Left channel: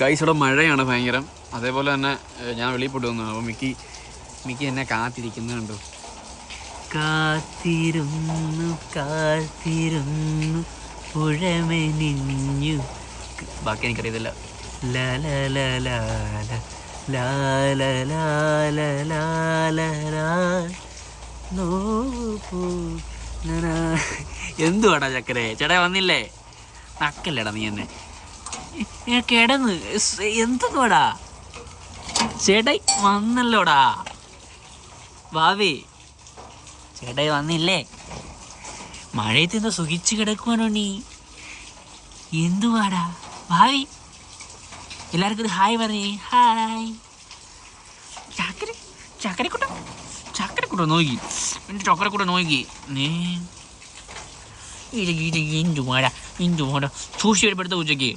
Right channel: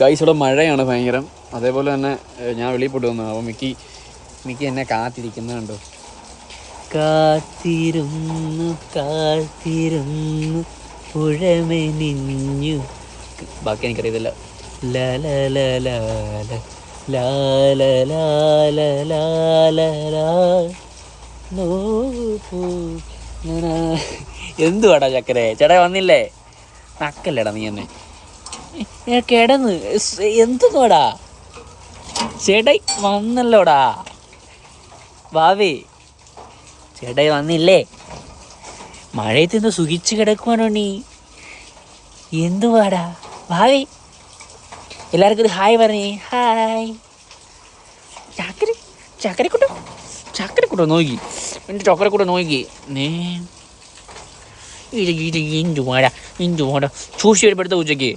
Guys ഇവിടെ മഴയാണ് ഭയങ്കരം. അതേപോലെ തന്നെ ഞാൻ വെളിയിൽ പോയിട്ട് വന്നു. അപ്പോൾ മിക്കി എന്നെ കാത്തിരിക്കുന്നുണ്ടോ. കാത്തിരുന്നു കാത്തിരുന്നു പുഴമെനിഞ്ഞു. ബാക്കി എനിക്കറിയത്തില്ല. എന്തുവാടാ ചക്കരെ? ചേട്ടാ വന്നില്ലേ? നക്കല്ലേടാ നീ എന്നെ കിടന്ന് എന്തെന്നുവാടാ? ചേട്ടായി വന്നല്ലോടാ. വാവേ ചേട്ടായി വന്നില്ലേ? മഴയത്ത് നിന്ന് സുഖിച്ച് കിടക്കുവാനോ നീ? എന്തുവാടാ ഭാവി? എല്ലാവർക്കും ഒരു ഹായ് പറഞ്ഞേ. ഹായ്. ചക്കരക്കുട്ടോ നോക്കി എൻ്റെ ചക്കരക്കൂട്ട നോക്കി. എന്തുവാടാ സൂക്ഷിച്ച് വരുമ്പോഴത്തെ ഉച്ചയ്ക്ക്